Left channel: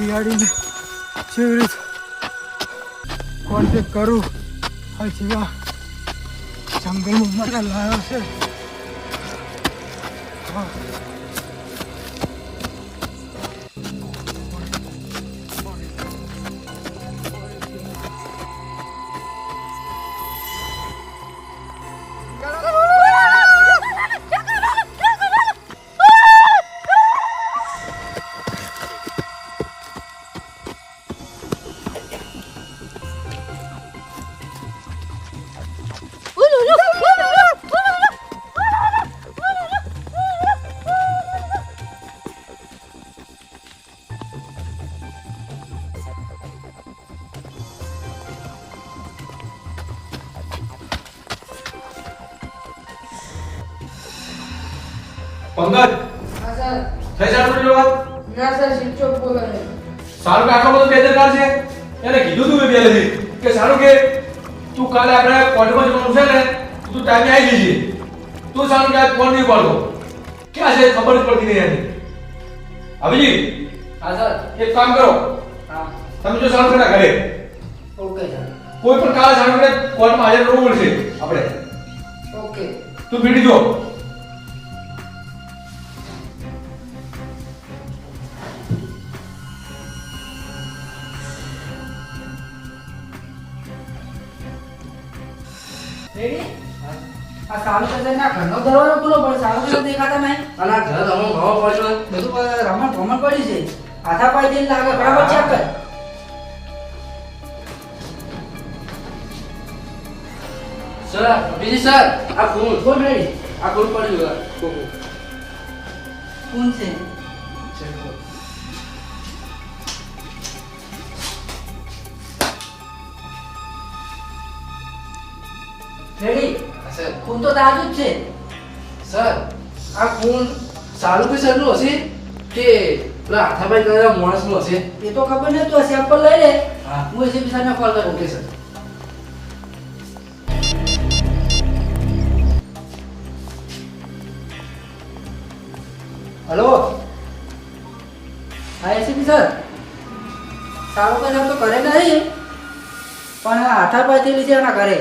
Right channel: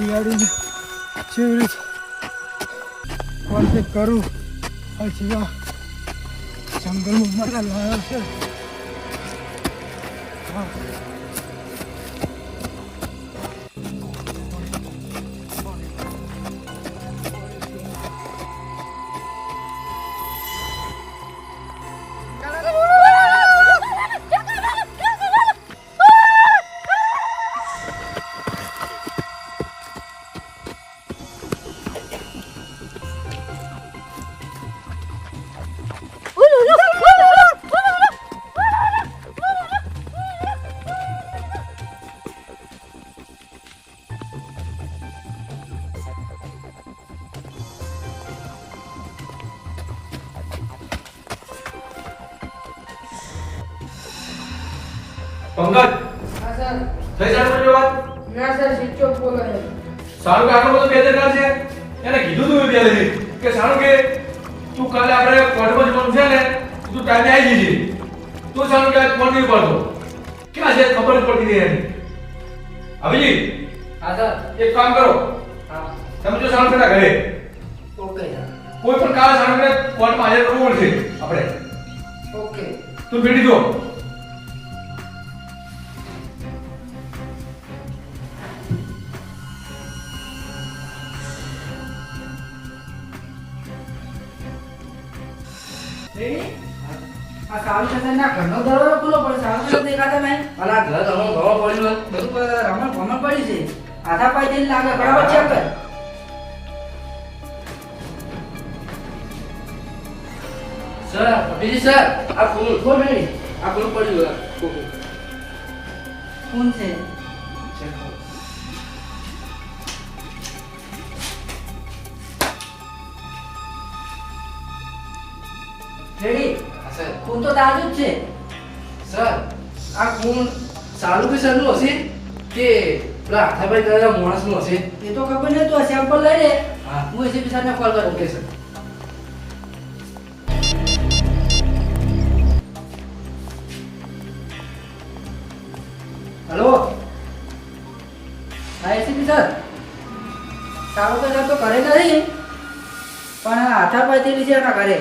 શિયાળીને રીતે કોન્ટેક કરું આ જેવા જંગલમાં મને લાવ્યો છે. પંકજ હા સર. થઈ જાણ પેલો વાત ના સર સ્વિચ ઓફ બોલો છે. સારું કે આટલો બધો બેદરકાર છે? એને કીધું તું પહેલેથી કે સારું કે તું કાલે આપણે કોર્ટમાં જવાનું છે ને તું ટાઈમે આવી જજે. તું સારું કે ફોન નહીં પાડતો ક્યાં છે? ખબર જ પડતી નહીં એની. અભિજી હા સર. એક કામ કરો. હા. તમે જો સારું પેલા ઘરે. Okay sir. કોઈ પણ કાલે સારું કે કોર્ટમાં હાજર કરવું પડશે આપણે. ઓકે. તું ભેટી જો આ સારું થશે ના ઘરનો દરવાજો ખુલ્લો પડે સારું થશે દેખાતો નહીં અલા ઘર રમણ ઘણો પડ્યું રમણ ભમણ પડી છે. હાથા પાય દિન લાગે બરાબર ચેક કર સર બીજી સર આ ફોન ઉઠો નહીં આ ફોન પડ્યું કોણ છે? ફોન તો તાજુ જ છે. સર આ સારું બી સરનું હશે? કે પેલા હાથાભાઈ કરેલા માણસનું હશે? એ તો ખબર નહીં તો સેમ્પલ લઈ લે. હું. એસી બિસાને કોલ કરું. Okay sir. હલો? હા એસીપી સર સારું. કઈ તો કરે નહીં પણ આ હાથા પાયથી લીધે એના ઘરે.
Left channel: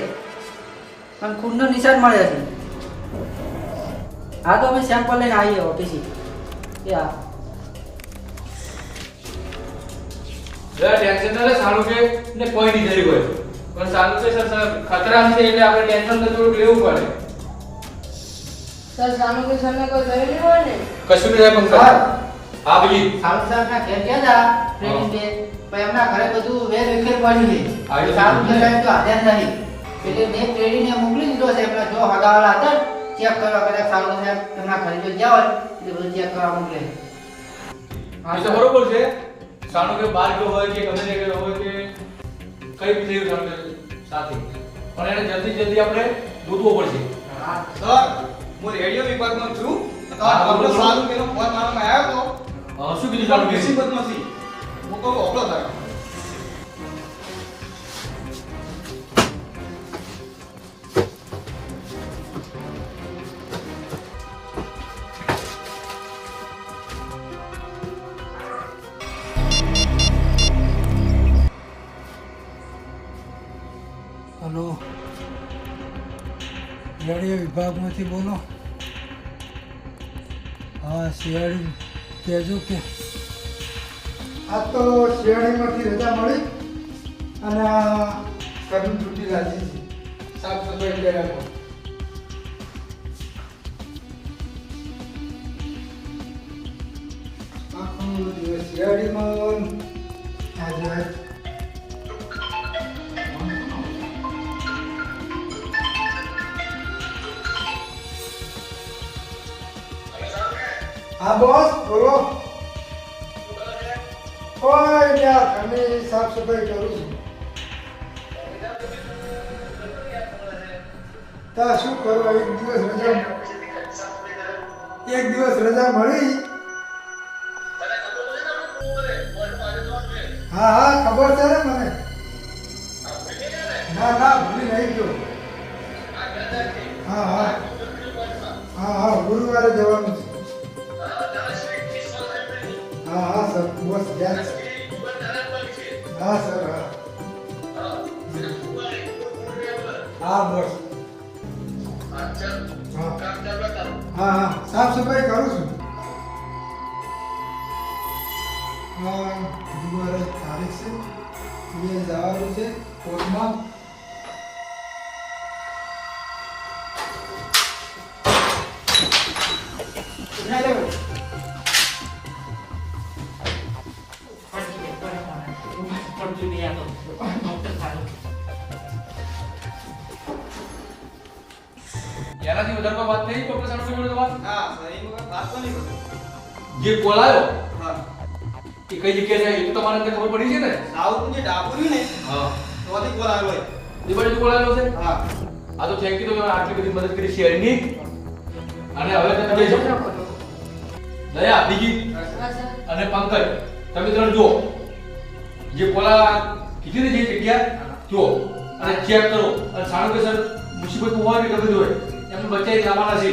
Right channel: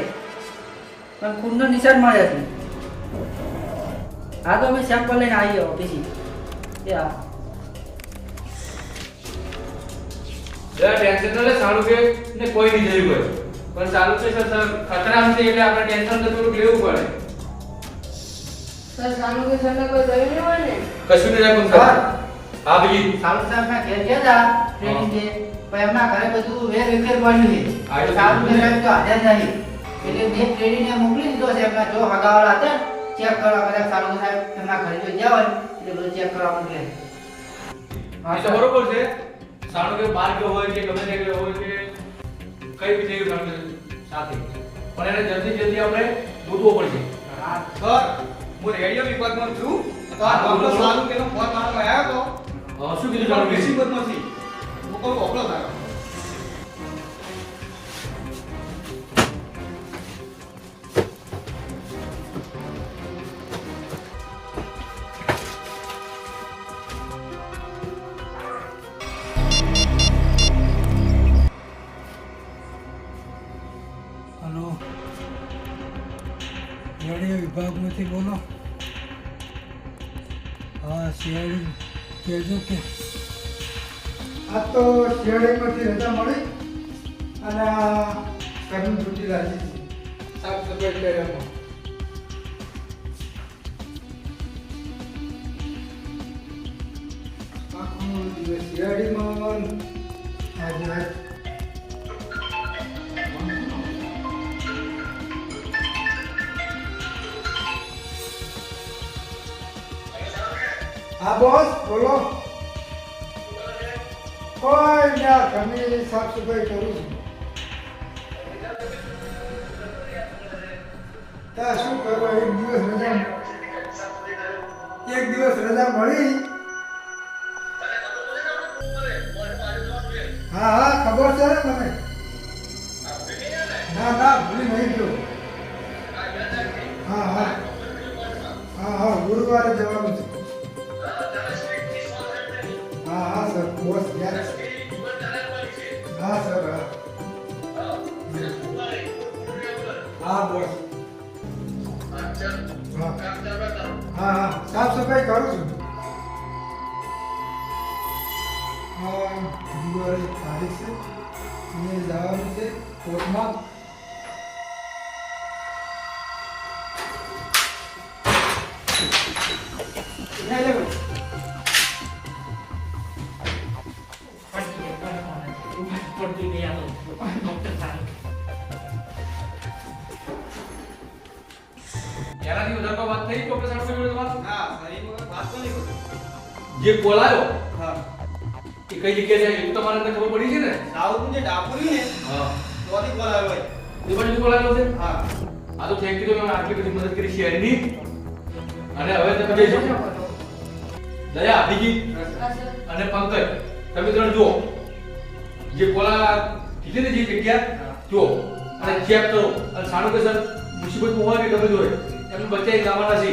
પણ ખૂનનો નિશાન મળે છે હા તો અમે સેમ્પલ લઈને આવીએ ઓટીસી કે હા. ટેન્શન સારું કે ને કોઈ નહીં થઈ ગયો પણ સારું છે સર સર ખતરા છે એટલે આપણે ટેન્શન તો થોડુંક લેવું પડે. સર સામુ કે સરને કોઈ ગયું નહીં હોય ને? કશું નહીં થાય પંકજ હા. ભાઈ સામુ સાહેબ ના ઘેર ગયા હતા ટ્રેનિંગ કે પણ એમના ઘરે બધું વેર વિખેર પડ્યું છે. હા, તો સારું તો નહીં. એટલે મેં કેડીને મોકલી દીધો છે એમના જો હગાવાળા હતા ચેક કરવા કદાચ સારું સાહેબ એમના ઘરે જો ગયા હોય એટલે બધું ચેક કરવા મોકલે. હા તો બરોબર છે. સારું કે બાર ગયો હોય કે ગમે તે ગયો હોય કે કઈ બી થઈ ગયું સાથે. પણ એને જલ્દી જલ્દી આપણે દૂધવો પડશે. સર હું રેડિયો વિભાગમાં છું. તો આ તમને સારું કે ફોન મારવામાં આવ્યો અ, શું તો કીધું મુસીબત નથી. હું તો કોપલો થયો વિભાગમાંથી બોલો. હા, શિયાળી કહેજો કે. આ તો શિયાળીમાંથી રજા મળી અને ઘરની છૂટી છે. સાફ સફાઈ કરી આખો દિવસ શિયાળીમાં હા બોસ બોલો. કોઈ ના ઘરની સાફ સફાઈ કરું છું. તા શું કરવા, એક દિવસ રજા એક દિવસ રજા મળી. હા હા, ખબર છે ને મને? ના ના, ભૂલી નહીં ગયો. હા હા. હા હા, ગુરુવારે જવાનું હા હા સર બસ યાદ હા સર હા બસ હા હા સાફ સફાઈ કરું છું હા ગુરુવારે તારીખ છે જે કોલ આવ્યો? હા. એ કઈ જગ્યાએ છે એ તો તમારે ખબર પડી છે ને? સાઉથ જે ડાપરી ને? હા. તો કોલ આવ્યો હોય. એ બાજુ કોલ આવ્યો છે? હા. આ તો થેન્ક યુ તમે આટલી બધી મદદ કરી શેરની. અને હવે તમે જઈ શકો દયા બીજી. અને પંકજ. તમે ત્રણ જુઓ. જે કોલા કીધી ને જે જગ્યા? જુઓ. અને ચેક કરો. અને સારું કે સર મુસીબત હોય કે ગમે તે હોય એમને બચાવી લાવવાના છે.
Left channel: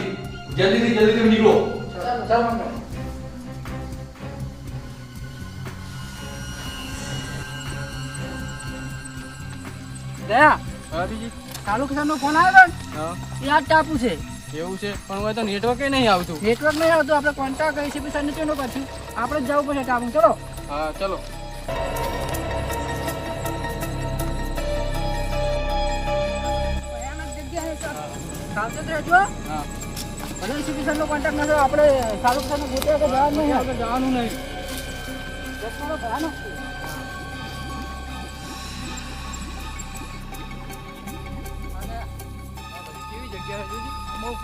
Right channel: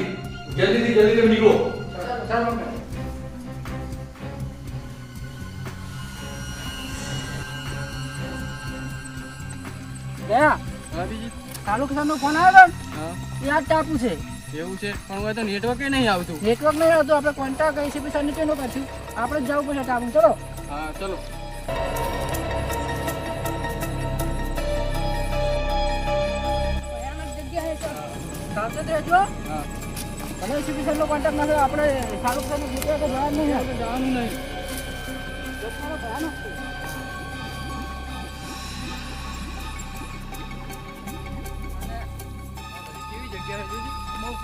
જલ્દીથી જલ્દી તમે નીકળો. દયા ચાલુ ફોન આવ્યો ને? એ ટાપુ છે. એવું છે? પણ હવે તો નેટવર્ક નહીં આવતું. નેટવર્ક નહીં આવતું આપણે કોન્ટેક્ટ કરી છે પૈસા નીચેનો પછી. આપણે જ જવું પડશે ટાપુ ચલો. હા ચલો. સાવચેત રહેજો. હા. ભલે કોન્ટેક્ટ ના આપણે શાહરૂખ ખાનનું ગોતવા તો નહીં આપણે જવાનું નહીં.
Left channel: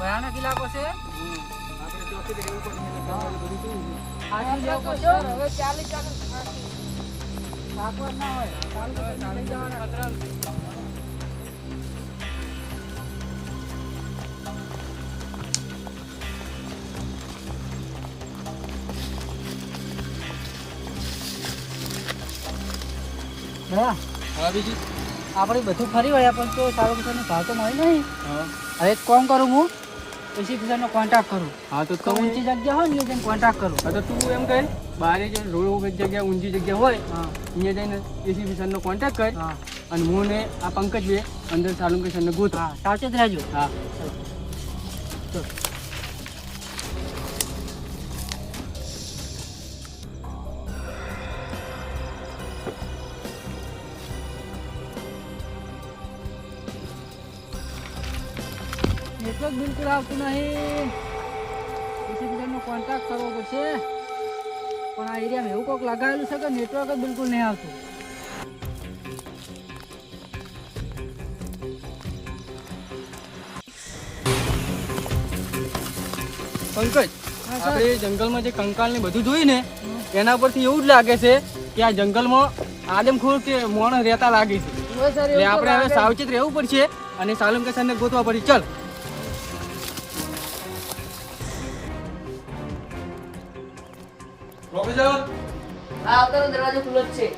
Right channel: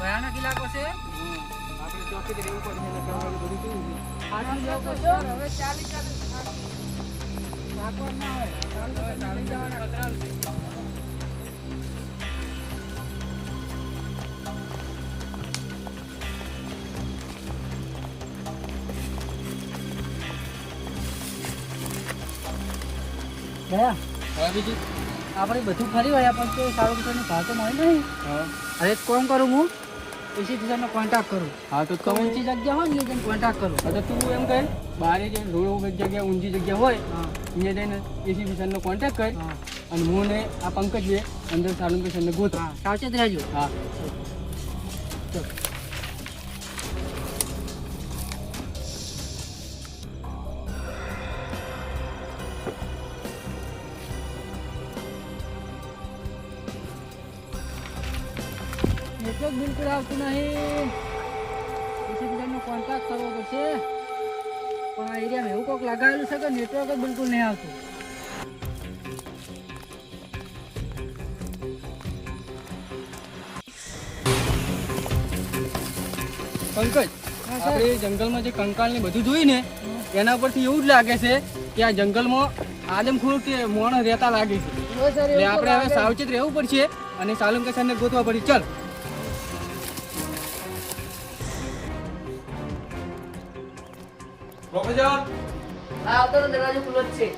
ભયાનક ઇલાકો છે. આપણે ચોથી રહેવું પડશે આટલું જવું પડશે હવે ચાલી ચાલી ભાગવા ના હોય. ચાલી ચાલી જવાના. ખતરા આપડે બધું ફરી વળ્યા પણ તો સારું ભાવ તો મળી નહીં. હવે કોણ કરું હું. એસી કિસાનનો કોન્ટેક્ટ કરું. હા તો તો તમે ઊંચી જગ્યા હોય ને જઈને કોન્ટેક્ટ કરું. હા તો તું એમ કહે બારે જે રોડ જગ્યા ઊંચી જગ્યા હોય હા. અહીંયા જઈને એસી વિશાલનો કોન્ટેક્ટ કર અને હું ને આ પંકજ બે અંદર સારું કિશનને ગોત. હા સાવચેત રહેજો. હા. આવતું નહીં. એસી બીજાનો કોન્ટેક્ટ કરવો પડશે. પણ આ એરિયામાં એવું કોઈક લગાવેલું છે કે નેટવર્ક જ બિલકુલ નહીં આવતું. પંકજ આપણે જંગલમાં જે કંકાલ ને બધું જોયું ને એના પરથી એવું જ લાગે છે કે આ જંગલમાં આદમખોર કે મોણ રહેતા લાગે છે. આપણે હવે સાવચેત રહેવું પડશે અને સાલુમ કિશનને ગોતવા પડશે. ચલ. આ દરવાજો ખુલ્લો જ છે.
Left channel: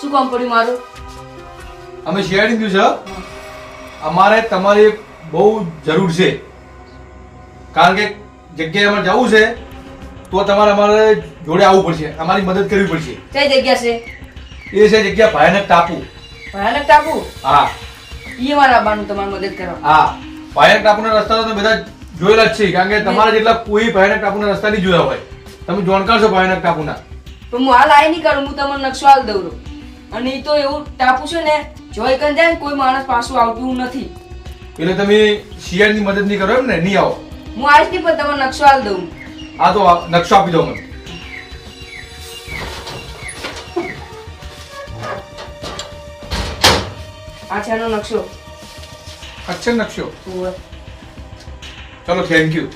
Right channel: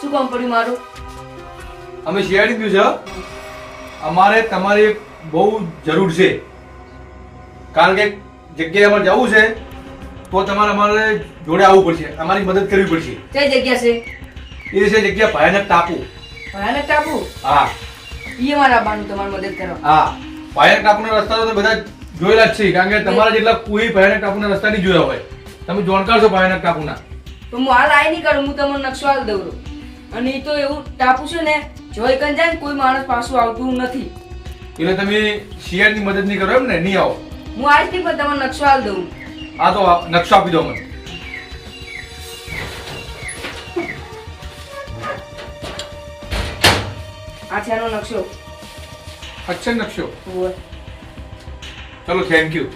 શું કામ પડ્યું મારું? અમે શેરડી દીધું છે. અમારે તમારી બહુ જરૂર છે. કારણ કે જગ્યાએ અમારે જવું છે તો તમારે અમારે જોડે આવવું પડશે. અમારી મદદ કરવી પડશે. કઈ જગ્યા છે? એ છે જગ્યા ભયાનક ટાપુ. ભયાનક ટાપુ? હા. ઈ મારા બાનું તમારી મદદ કરો. હા. ભયાનક ટાપુના રસ્તા તો બધા જોયેલા જ છે કારણ કે તમારા જેટલા કોઈ ભયાનક ટાપુના રસ્તા નહીં જોયા હોય. તમે જાણકાર છો ભયાનક ટાપુના તો હું હાલ આઈ નહીં કરું હું તમને નકશો હાલ દઉં. અને એ તો એવું ટાપુ છે ને જો એકન જાય કોઈ માણસ પાછું આવતું નથી. એટલે તમે શિયાળની મદદ નહીં કરો એમ ને નહીં આવો. હું આવીશ નહીં પણ તમને નકશો હાલ દઉં. આ તો નકશો આપી દો મને. આ છે નકશો. અચ્છા નકશો. ચલો થેન્ક યુ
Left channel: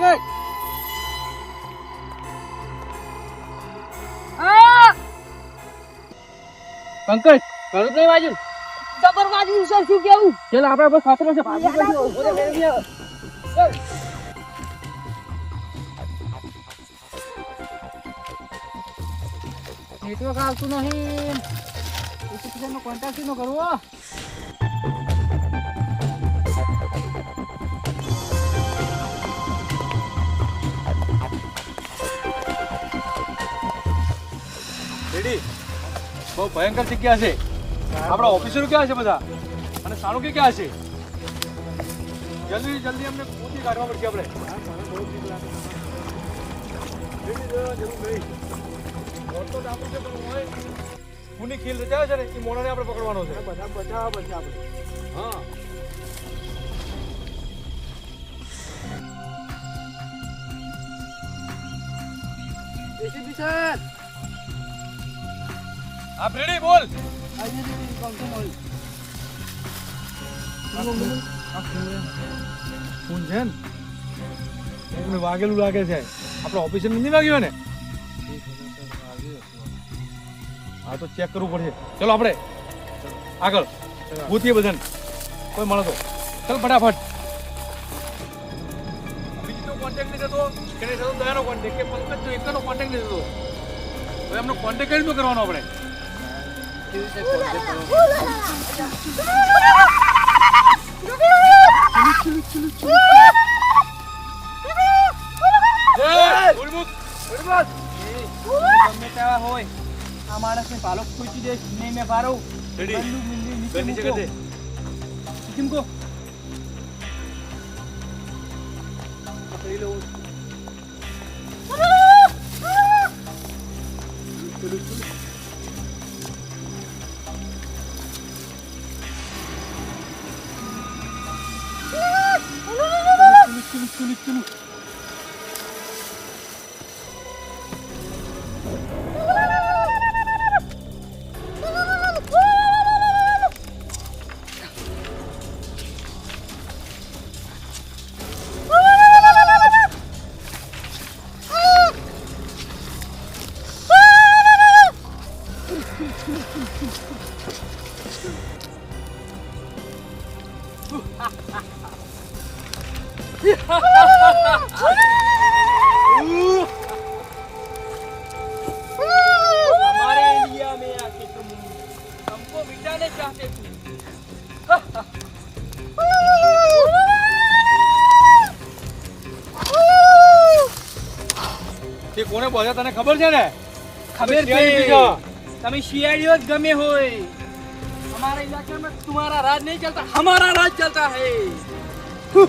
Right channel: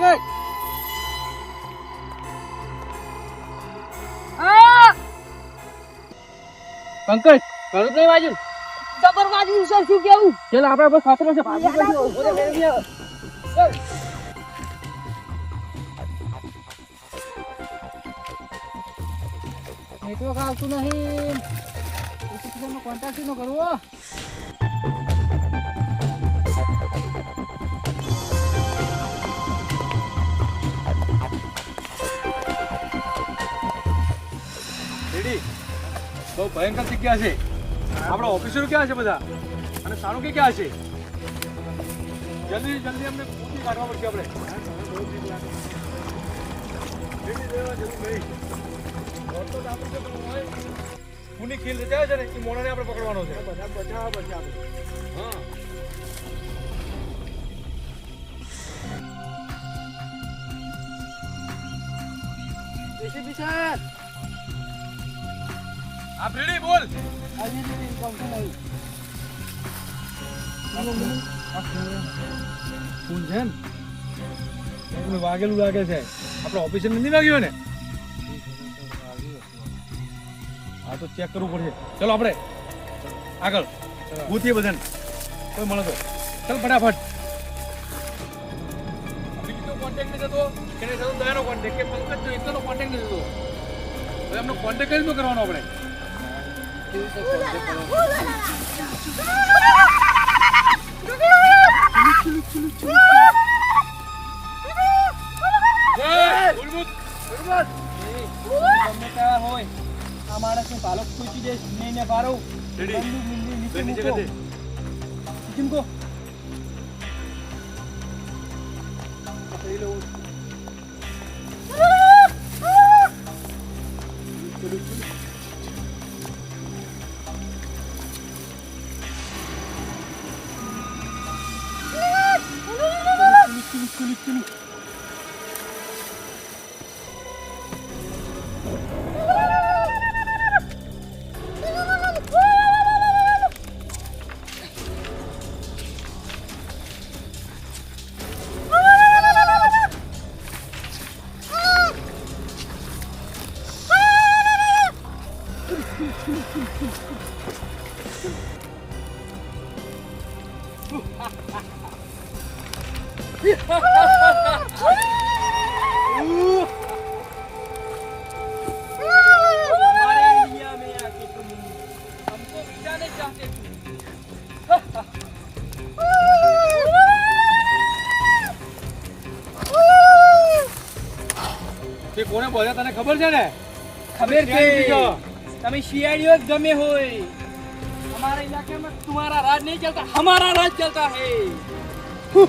હા. પંકજ પંકજ ઘણું નહીં વાજુ જબર વાગ્યું સર શું કેવું? ચાલ આપણે બસ ખતરો છે ભાગી જાઓ. નેટવર્ક આવતું નહીં. કોન્ટેક્ટ નો કરવો ભયંકર જગ્યા છે. આપણા ઓફિસરો ક્યાં છે બધા? અને સારું કે ક્યાં છે? જલ્દી જલ્દી અમને પૂછી કાઢવા પડશે આપણે. ખૂની ખીલ રચાયો છે ને, એ આપણે પકડવાનો છે. બધા બચાવવા પડશે આપણે હા. બેસી બિચાર આપ રેડી બોલ. ફોન છે ને? વાગેલું લાગે છે. આપણે ઓફિસે નથી વાગ્યું ને હા તો ચેક કરવું પડશે. ચલો આપણે. આગળ. ગોતીએ બધાને. કોઈ મળે તો. ચાલ ફટાફટ. બીજો કોન્ટેક્ટ નથી થતો. કે દયાનો કોન્ટેક્ટ કે પંકજ જો એકનો કોન્ટેક્ટ નથી થતો. હવે એમનો કોન્ટેક્ટ કઈ રીતનો કરવાનો આપણે? હોય આ માણસને પાલો ખોચી દે નહીં ને પારો રેડી. બંદૂક મિલી નીચે કઈ નીચે મૂકો કઈ નીચે મૂકો પકડી લઉં. তুমি Ha ha ha! इंडिया में आके तुम हमको बिठाने चाहते तुम કે કોને બોલ્યા તને ખબર છે ને खबर क्या है के भैया? તમે શિયાળીઓ જ ગમે હોય हमारे इलाके में तुम्हारा राज नहीं चलता हमारा राज चलता है બહુ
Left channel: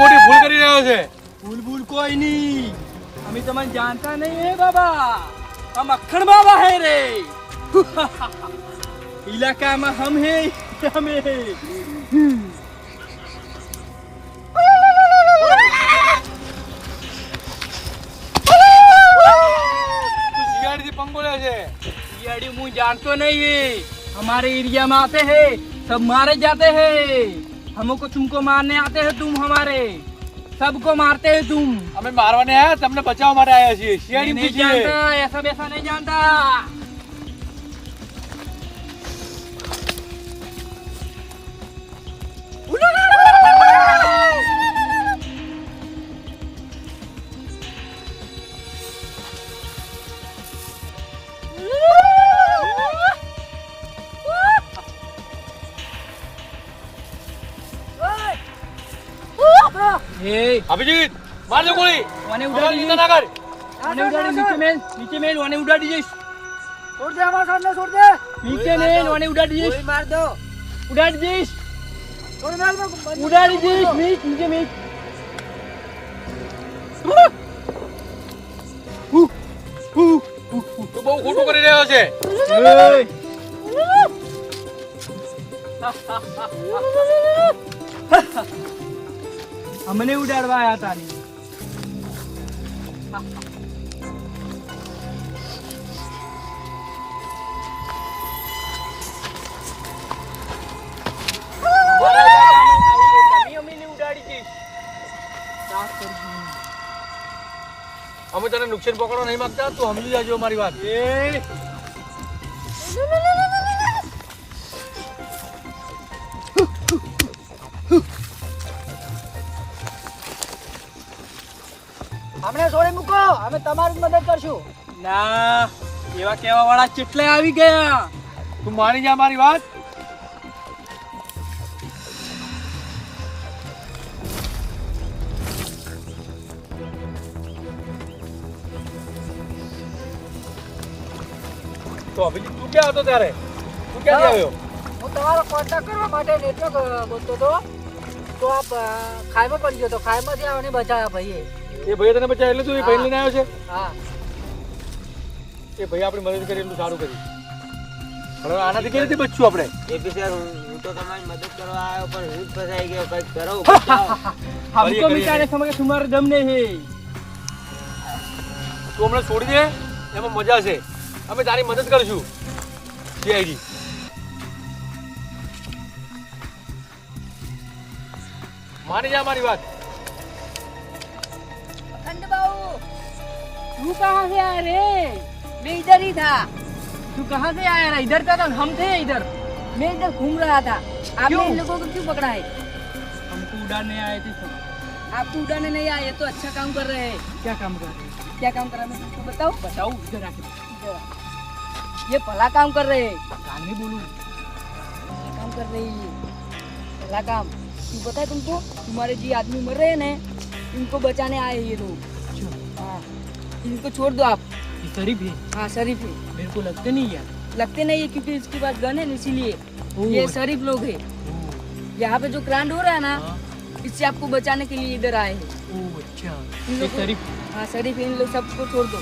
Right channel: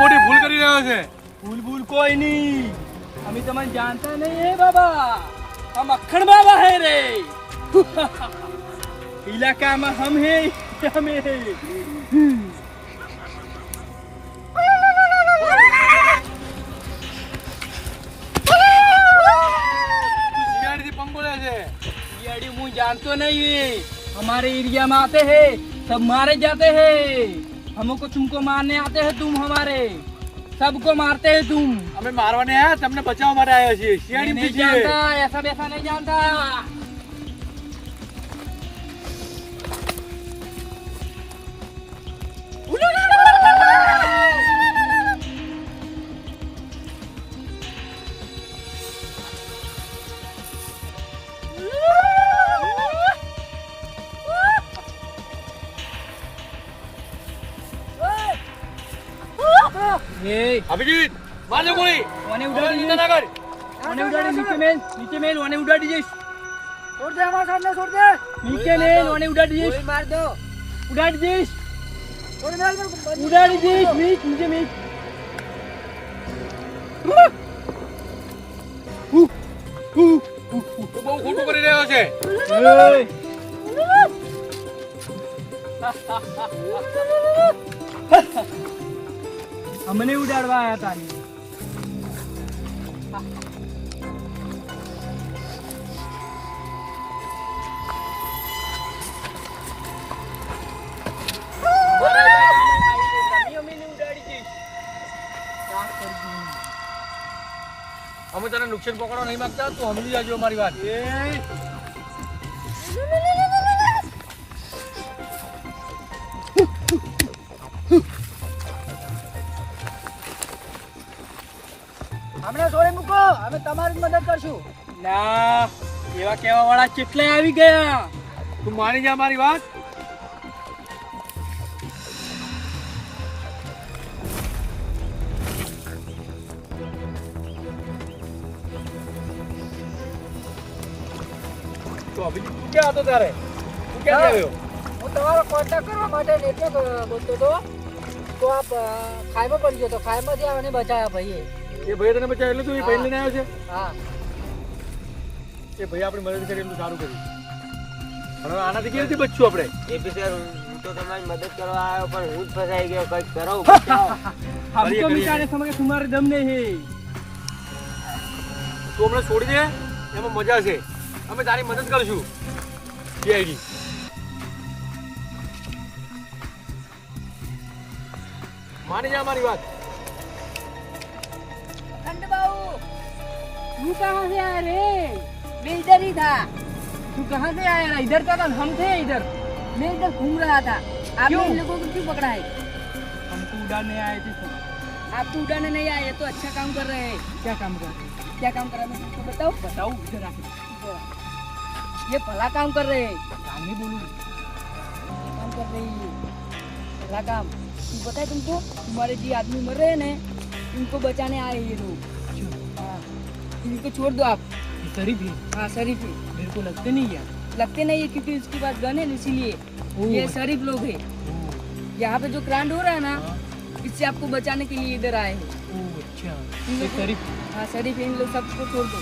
મોટી ભૂલ કરી રહ્યો છે. ભૂલ ભૂલ કોઈ નહીં. અમે તમને જાણતા નહીં હે બાબા? હમ અખણ બાબા હે રે. ઇલાકામાં હમ હે અમે પંગોળ્યો છે. હું જાણતો નહીં. અમારે એરિયામાં આતે હે. सब मारे जाते हैं हमको तुमको मारने आते हैं तुम हमारे सबको मारते हैं तुम हमें मारवाने आया तुमने बचाव मारे आया ऐसा वैसा नहीं जानता અભિજીત મારજો ગોળી. ઓને ઉડાડી દે નાગર ઓને ઉડાડી નીચે મેલ નીચે મેલ ઓને ઉડાડી જઈશ છોડ દે અમાર સામે છોડ દે નીચે મેલ ઓને ઉડાડી જઈશ માર દો ઉડાડી જઈશ છોડ મેલ ઉડાડી જઈશ નીચે નીચે મીચ તો બહુ ખોટું કરી રહ્યો છે. અમને ઉડાડવા આવ્યા હતા અમે તને નુકસાન પકડવા નહીં માંગતા? તું સમજી જાજો મારી વાત. અમે તમારી મદદ કરશું. ના એવા કેવા વાળા કેટલે આવી ગયા? તું માની ગયા મારી વાત? તો અભિજીત તું ક્યાં હતો ત્યારે? તું ક્યાં આવ્યો? હું તમારો કોન્ટેક્ટ કરવા માટે નેટવર્ક બોલતો હતો. તો આપ અ, ખાઈમાં પડી ગયો તો ખાઈમાંથી આને બચાવ્યા ભાઈએ. એ ભાઈ તને બચાવ એટલે તું એ ભાઈ લઈને આવ્યો છે હા એ ભાઈ આપણી મદદ કરી એટલું સારું કર્યું હવે આનાથી કેવી રીતે બચશું આપણે એક રીતે હું તો તમારી મદદ કરવા આવ્યો પણ હું જ ફસાઈ ગયો કંઈક કરો हमको भी કરીએ. जाने समझ के तुम्हारे दम नहीं है તું હમણાં છોડી દે એમાં મજા છે અમે તારી મદદ કરીશું સીઆઈડી માની જા મારી વાત तू कहाँ से आया रे मैं इधर ही था तू कहाँ से आया ना इधर का था हम थे इधर मैं इधर घूम रहा था आपने क्यों? इन लोगों को क्यों पकड़ा है हमको उड़ाने आए थे सब आपको उड़ाने नहीं आए ये तो अच्छा काम कर रहे हैं क्या काम कर रहे हैं क्या काम कर रहे हैं तुमको बताओ बताओ इधर आके ये भला काम कर रहे हैं कान में बोलूं भला काम कर रही है भला काम तू पता है तुमको तुम्हारे जी आदमी मर रहे हैं ना इनको बचाने आए हैं ये लोग हाँ इनको छोड़ दो आप। शरीफ है। हाँ शरीफ है। मेरे को लगते नहीं यार। लगते नहीं है क्योंकि इसके पास गन है इसीलिए। ये शरीफ लोग है। यहाँ पे जो क्रांड हो रहा है ना हाँ। इससे आपको बचाने के लिए इधर आए हैं। ओ अच्छा। शरीफ। हाँ शरीफ इन लोग सबको छोड़ दो।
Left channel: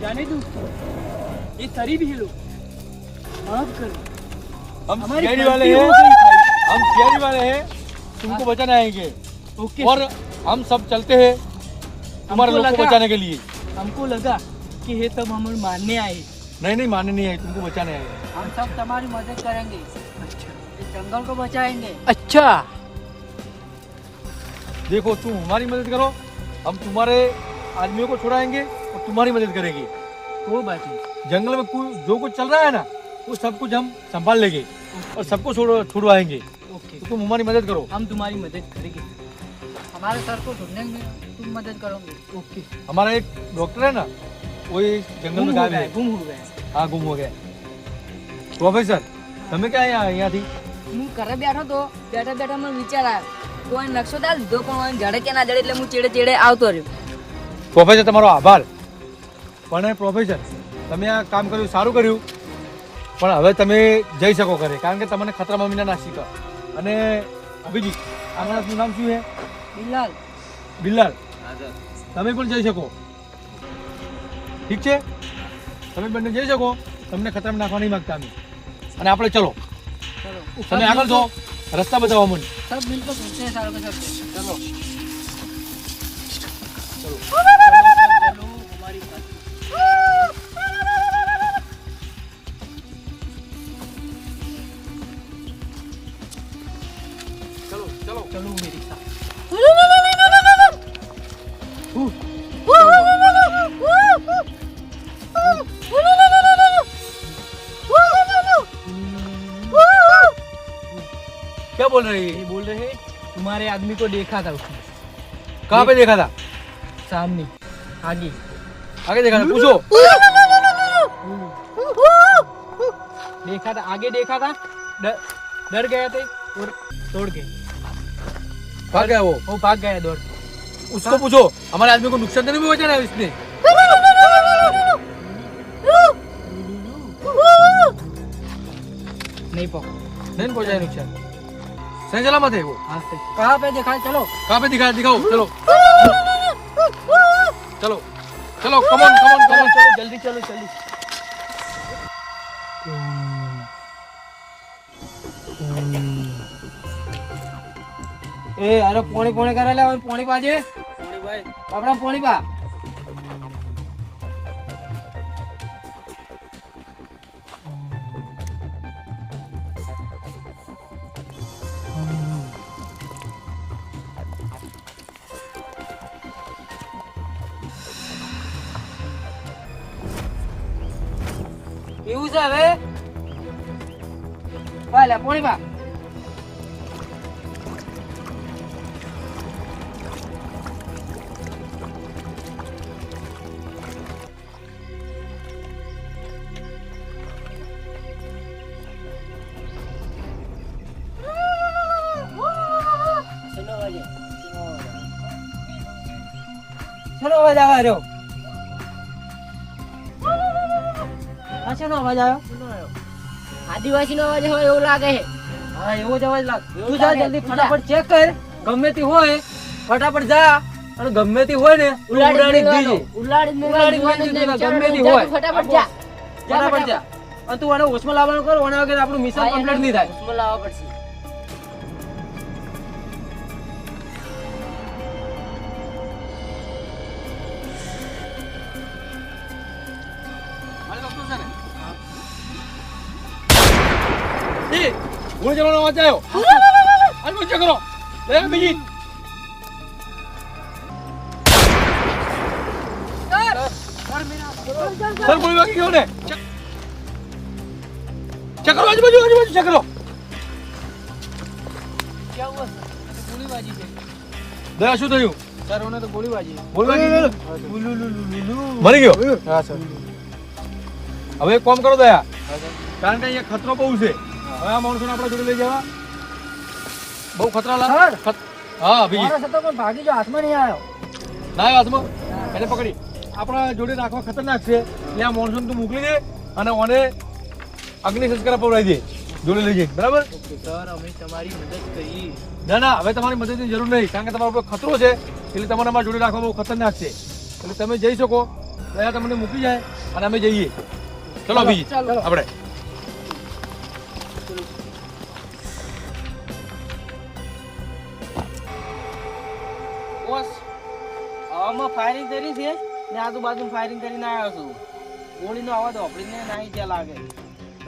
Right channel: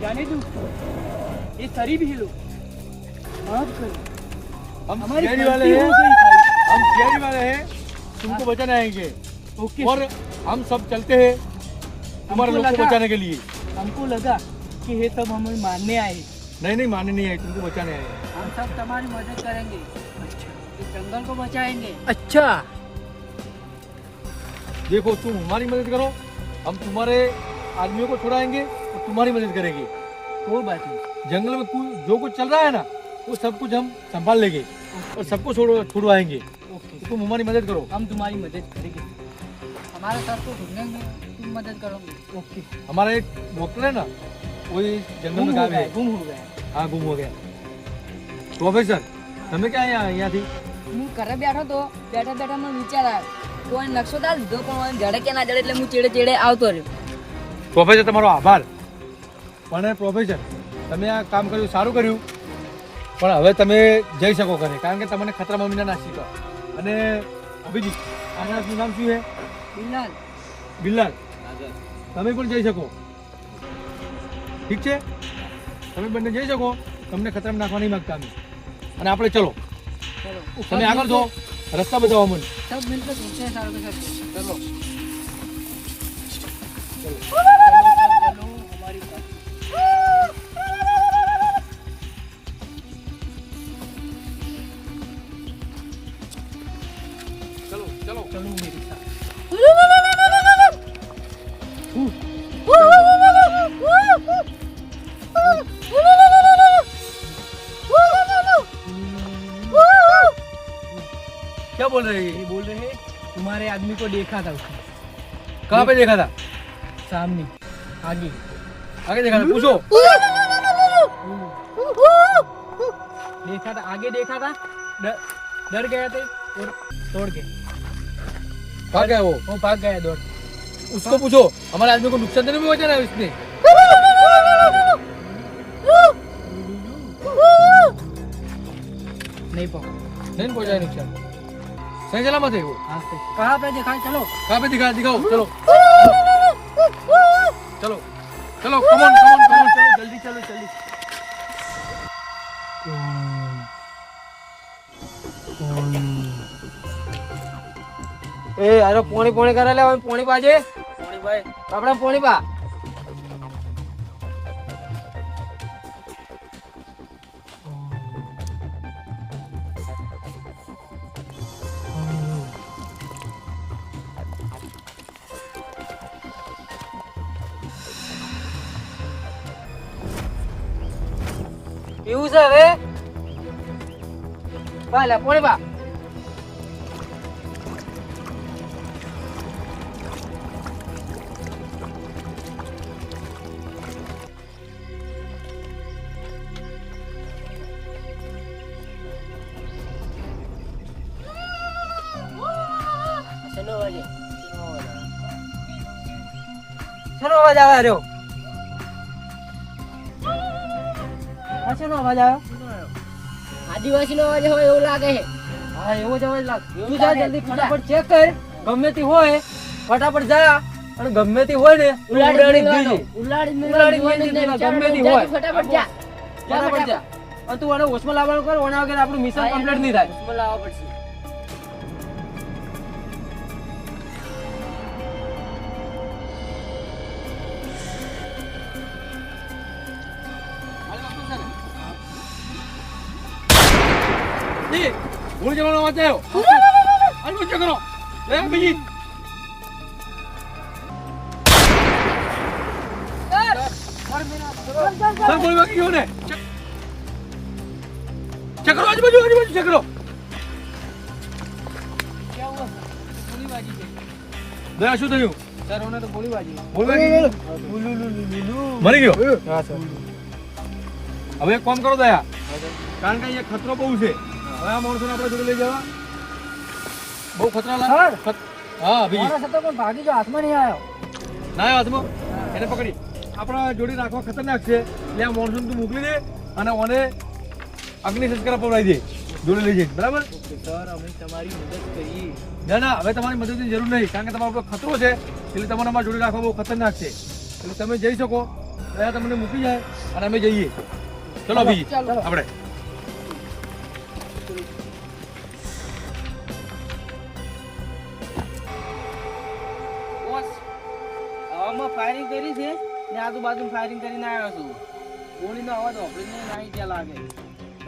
जाने दो। ये शरीफ ही लोग। माफ़ करो। हम हमारी वाले हैं हम वाले हैं। तुमको बचाने आएँगे। ओके और हम सब चलते हैं हमको लोग को बचाने के लिए। हमको लगा कि ये सब हम मानने आए। नहीं नहीं मानने नहीं आए तुमको बचाने आए। हम सब तुम्हारी मदद करेंगे। इस जंगल को बचाएँगे। अच्छा। देखो तुम हमारी मदद करो हम तुम्हारे आदमियों को छुड़ाएँगे और तुम्हारी मदद करेंगे। कोई बात नहीं। जंगल में जो कुछ चल रहा है ना वो सब कुछ हम संभाल लेंगे। और सबको छोड़ छुड़वाएंगे ओके तो तुम हमारी मदद करो हम तुम्हारी मदद करेंगे हमारे सर को ढूंढेंगे तुम मदद करोगे ओके हमारा एक डॉक्टर है ना वो ये जंगल गुम में हो गायब गया है गुम हो गया हाँ गुम हो गया प्रोफेसर તમે ક્યાં અહીંયા અહીંયાથી હું ઘરે બેઠો તો બેઠા બેઠા મને વિચાર આવ્યો તો અહીં નકશો દાલ લીધો પણ અહીં જડે કે ના જડે એટલે હું ચેડે ચેડે આવતો રહ્યો પ્રોફેસર તમારો આભાર પણ પ્રોફેસર તમે આ કામ કર્યું સારું કર્યું પણ હવે તમે જઈ શકો ઘરે કારણ કે તમને ખતરા મમ્મીના ના તો અને અભિજીત આનાનું નામ શું છે? બિલાલ. બિલાલ. તમે પણ જઈ શકો. ઠીક છે? તમે બંને જઈ શકો. તમને ખતરામાં નાખવા નહીં માગતા અમે. અને આપણે ચલો. તમે આગળ છો રસ્તા બતાવો મને સબ મિલકત ચલો. ચલો. क्या बोल रहे हैं? बोल रहे हैं तुम्हारे आदमी को देखा था उसने। कहाँ पे देखा था? सामने आगे। आगे देखा था पूछो। देखा था आगे देखा था डर डर गए थे और तोड़ के भाग गया वो? वो भाग गया दौड़। उसको पूछो हमारे आदमी को नुकसान तो नहीं पहुँचा ना इसने? नहीं पकड़ नहीं पहुँचाया नुकसान। सही सलामत है वो हाँ सही कहाँ पे दिखाई चलो कहाँ पे दिखाया दिखाओ चलो चलो चलो कमन कमन कमन चलो जल्दी चलो जल्दी એ અરે પોણી પોણી કરે લે પોણી પાજે આપણે પોણી પા ચાલે પોણી બા. શેનો અવાજ આવે રહ્યો. આ શેનો અવાજ આવ્યો. આદિવાસી નો અવાજ હોય એવું લાગે છે. હા એવો જ અવાજ લાગે તું જા જલ્દી ફટાફટ ચેક કર. ગમે તે હોય ફટાફટ જા. અને ગમે તે હોય ને દેજે. ઉલાડી ઉલાડી ગમે તે હોય. ફટાફટ જા. ફટાફટ જા. અને તું આને હોશમાં લાવવાનું કર ઓના વગર આપણું મિશન કમ્પ્લીટ નહીં થાય. ઉસમાં લાવવા પડશે. ગોળી અવાજ આવ્યો. હાલ બંધ કરો. લે બીજી સર. ગોળી વાગી ગયો ને? ચેક કરો આજુબાજુ આજુબાજુ ચેક કરો દયા શું થયું? સર ઓને તો ગોળી ગોળી ગયો? હા સર. હવે એક કામ કરો દયા. કારણ કે અહીંયા ખતરો બહુ છે. હવે આ માણસોને આપણે જોડે લઈ જવા. બહુ ખતરા લાગે. હા પણ ભાગી હાથમાં નહીં આવ્યો. ના આવ્યો હાથમાં. એને પકડી. આપણા જોડે રાખવા ખતરનાક છે. એટલે આ મોનસૂન તું મોકલી દે અને ઓને અગ્નિ સંસ્કાર પવડાવી દે. જોડે લઈ જઈ બરાબર? સર અમે તમારી મદદ કરી ના ના હવે તમારી મદદની જરૂર નહીં. કારણ કે તમારો ઉપર ખતરો છે. એટલે તમારે અમારા જોડે રાખવા બહુ ખતરનાક છે. એટલે તમે જઈ શકો. દયા તમને મૂકી જાય અને અમે જઈએ. ચલો બીજી. આપણે. ફાયરિંગ કરી છે. ને આજુબાજુ ફાયરિંગ કરીને આવ્યો છું. ગોળીનો અવાજ ઓપરીને નહીં ત્યાં લાગે.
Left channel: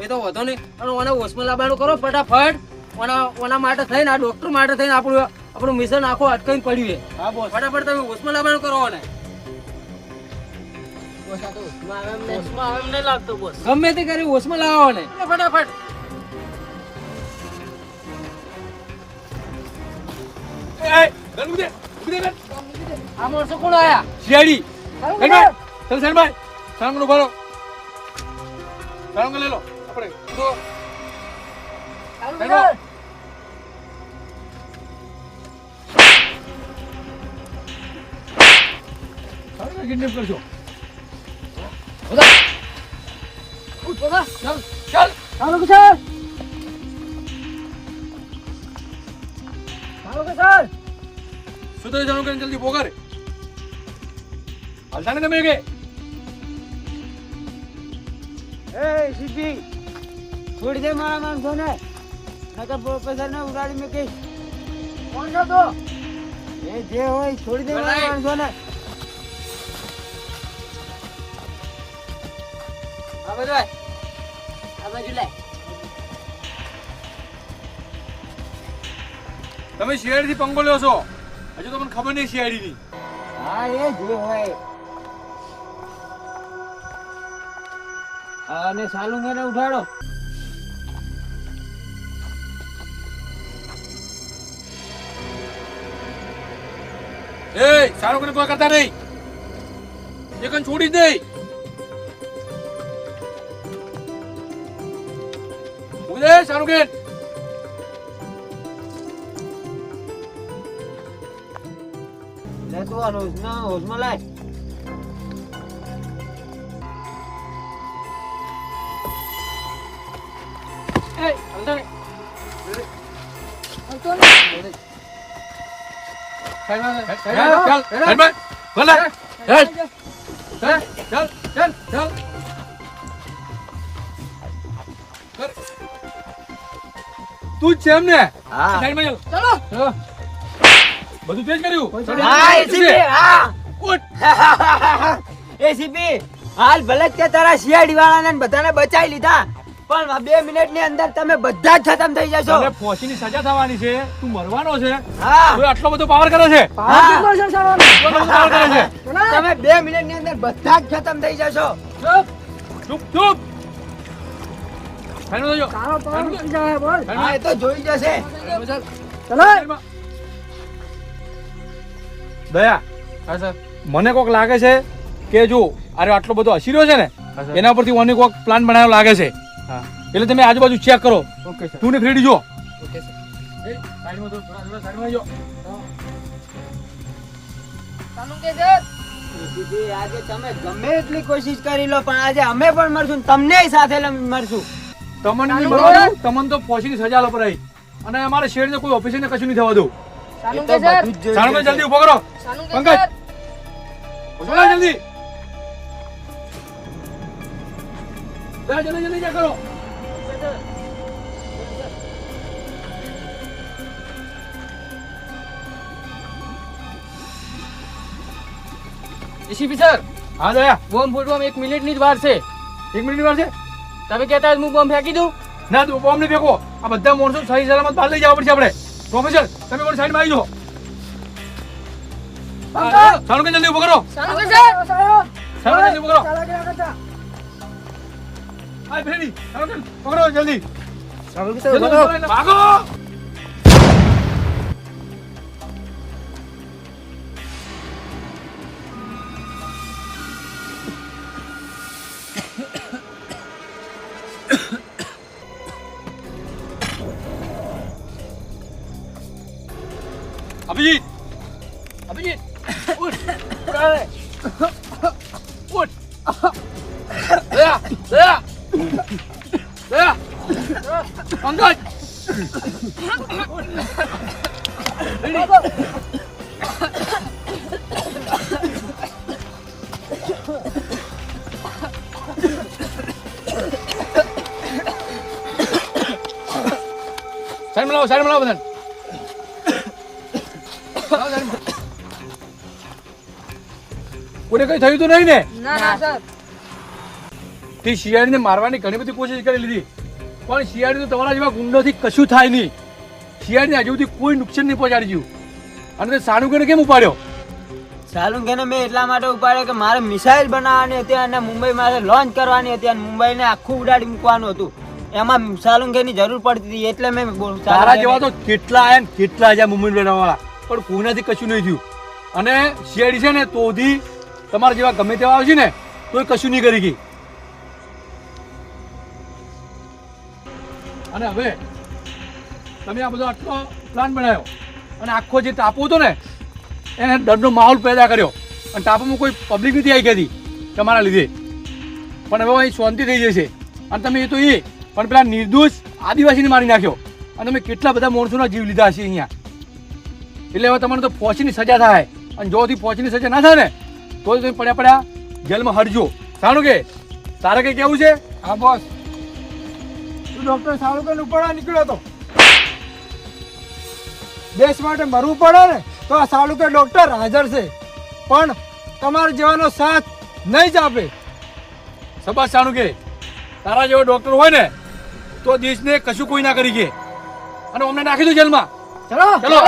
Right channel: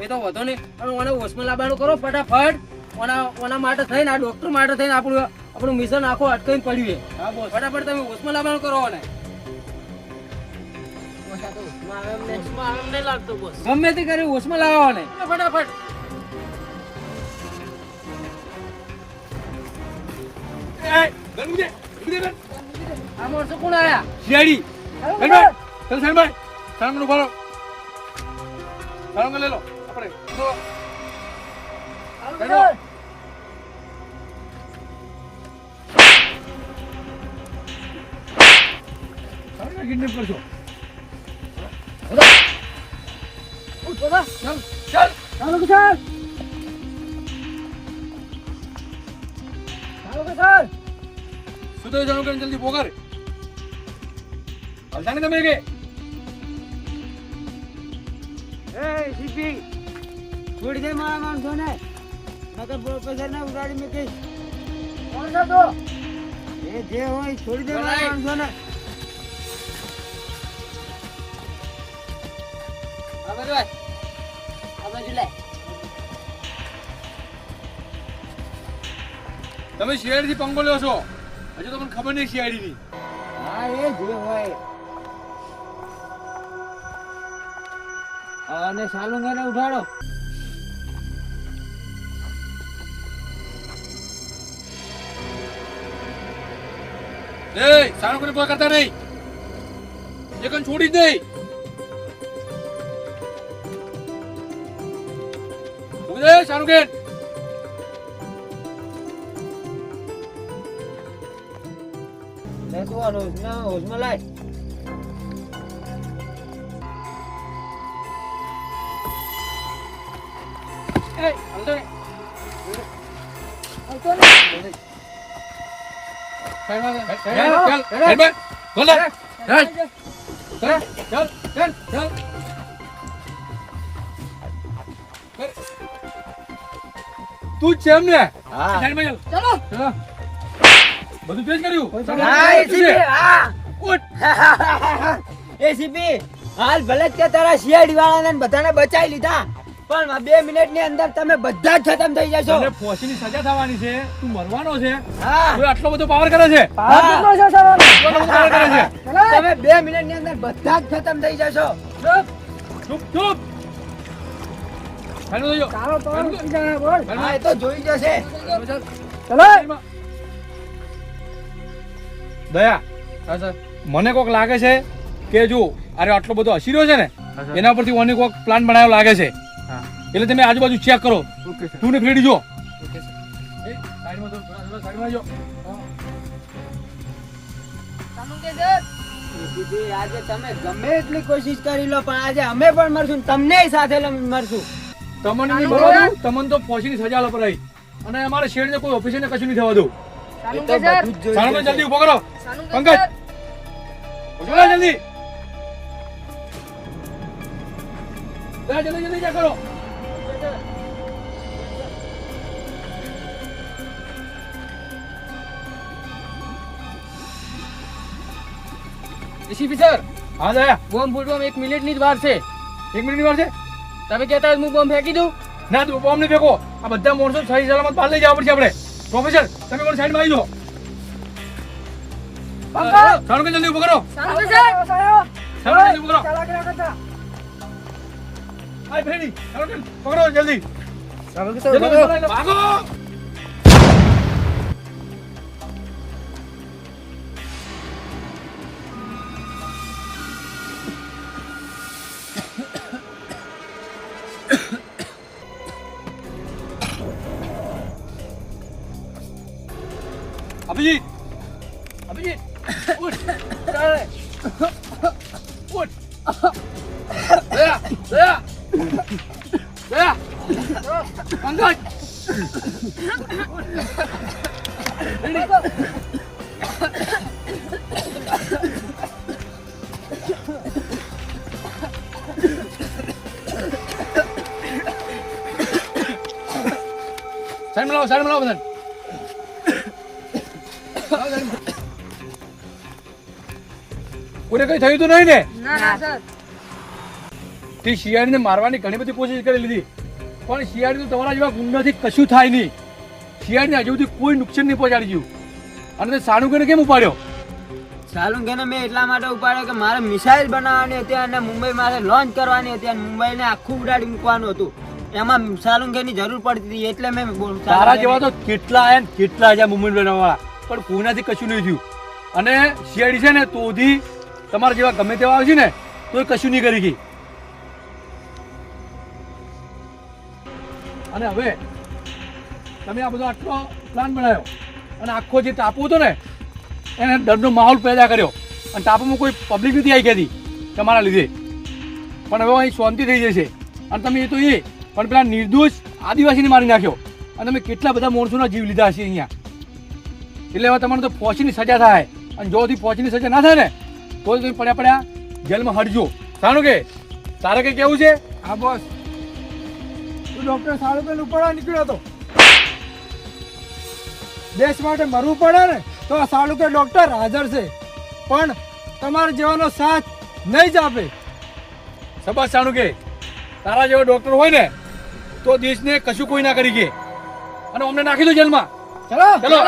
એ તો વધો નહીં. અને ઓને હોસ્પિટલ લાવવાનું કરો ફટાફટ. ઓના ઓના માટે થઈને આ ડૉક્ટર માટે થઈને આપણું આપણું મિશન આખું અટકાઈને પડ્યું છે. હા બોલ ફટાફટ તમે હોસ્પિટલ લાવવાનું કરો ને ગમે તે કરી હોશમાં લાવો ને ફટાફટ. એ, ગન મૂકી દે, ગન. આ માણસો કોણ આયા? શિયાળી ધનભાઈ ચલ ધનભાઈ સાંગનો ભરો સાંગ લઈ લો. આપણે તો ચાલ ચાલ. ચાલો કે ચાલો. શું થયું જાણો કરીને જલ્દી પોકાર હાલતા ને તમે કે. એ સીપી છોડી દે મારા માણસોને નકર પ્રોફેસર ને ઉગાડી મૂકીશ કોણ છે તો? એ જે હોય છોડી દે મારા માણસોને આ બાજુ આ બાજુ લાય. તમે શેરથી થી પંગો લ્યો છો? હજુ તો મને ખબર નહીં શિયાળી ની હા એ જ હોય. અને સાલુંગાને ઉઠાડો. એ સારું કરીને કોઈ કરતા નહીં કન છોડી જ નહીં. મૂકી દે સારું કે લે તું આ હોશમાં હોશમાં લાય એ હાલતા નહીં. ચાલ ચાલ હેડમેન ભલે હેડ ચાલ ચાલ ચાલ ચાલ કર. તું જ છે એમ ને હા સાઈડમાં ચાલ ચલો ચાલો. બધું તે કર્યું? હા એસીપી હા. ઉઠ. એસીપી હાલ ભલે કે તારા સીઆઈડી વાળાને બધાને બચાવી લીધા પણ બે મિનિટની અંદર તમે બધા જ ખતમ થઈ જશો. ફોસી ની સજા થવાની છે. તું મરવાનો છે. હા. તું આટલો બધો પાવર કરે છે. તમે બે મિનિટની અંદર બધા જ ખતમ થઈ જશો. ચૂપ. ચૂપ. એ તો જોઈ જશે. ચલો. દયા હા સર. મને કોક લાગે છે કે જો અરે આટલો બધો હસી રહ્યો છે ને એના પરથી મને કોક પ્લાન બનાવ્યો લાગે છે. એટલે તમે આજુબાજુ ચેક કરો. તું ને ફ્રેડી જો. આજે તમે ગમે એટલી કોશિશ કરી લો પણ આજે અમે પણ મરશું તમને સાથે મરશું તમને તમને તો ફોસીની સજા લો પડાઈ અને અમારે શેડ કોઈ ઓફિસર ને કશું નહીં થવા દઉં. લેશે. જલ્દી ઊભો કરો. પંકજ. સર જલ્દી. જલ્દી જલ્દી કરો. એસીપી સર હા દયા. બોમ્બ ફૂટવામાં એક મિનિટની જ વાર છે. એક મિનિટ વાર છે? તમે કહેતા હું બોમ્બ ફેંકી દઉં? ના તું બોમ્બ નહીં ફેંકો. આ બધા માણસો સહી સલામત બહાર લઈ જવા પડશે આપણે. પ્રોફેસર તમે પણ સાઈડમાં આવી જાઓ? સારું કે જલ્દી ઊભો કરો? સર સારું જલ્દી ઊભો કરો. હાય ફ્રેડી સારું કે પકડો જલ્દી જલ્દી કે ભાગો! સાઈડ લાવો સાઈડ લાવો બધાને. કોઈને કઈ થયું તો નહીં ને? ના ના સર. તે શિયાળીને મારવાની ઘણી બધી કોશિશ કરી લીધી. પણ શિયાળી તો તમારા જેવા ગુંડાથી કશું થાય નહીં. શિયાળીને હજુ સુધી કોઈ નુકસાન નહીં પહોંચાડી ગયું અને તે સાણું કરીને કેમ ઉપાડ્યો? સાલુંગેને મેં એટલા માટે ઉપાડ્યો કે મારે મિસાઇલ બનાવવાની હતી અને મુંબઈ મારે લોન્ચ કરવાની હતી અને મુંબઈને આખું ઉડાડી મૂકવાનું હતું. એમાં સાલુંગેની જરૂર પડતી હતી એટલે મેં તારા જેવા તો કેટલા આયા ને કેટલા આયા મુંબઈ વાળા. પણ કોઈનાથી કશું નહીં થયું. અને શિયાળી છે ને તોથી તમારા જેવા ગમે તેવા આવશે ને તો કશું નહીં કરી ગઈ અને હવે તમે આ બધો આટલો પ્લાન બનાવ્યો. અને આખો જે ટાપુ હતો ને એને ડરનો માહોલ પેદા કર્યો. અને ટાપુમાં કોઈ પબ્લિક નથી આવી ગઈ હતી તમારા લીધે. પણ હવે અહીં શાંતિ થઈ જશે. અને તમે એ તો એ પણ પેલા નિર્દોષ આદિવાસીને મારી નાખ્યો. અને તમે કેટલા બધા માણસોના જીવ લીધા હશે અહીંયા. એટલે હવે તમારે તો ફોસીની સજા થાય. અને જોથી ફોસીની સજા ના થાય ને તો તમે પડ્યા પડ્યા જેલમાં હરજો સારું કે? તારે કે કેવું છે? હા બોસ. તું ડોક્ટર તો ઉપાડવા નીકળ્યો હતો દેશ માટે મરવું પડે ને તો આ સાળુકે ડોક્ટર હાજર છે. પણ તમારા જેવાનો સાથ નહીં જ આપે. સબાસ જાણું કે? તારા જેવો ડોક્ટર હોય ને તો દેશને કશું કોઈ ના કરી કે અને અમને નાખી દો જેલમાં. ચલો. ચલો.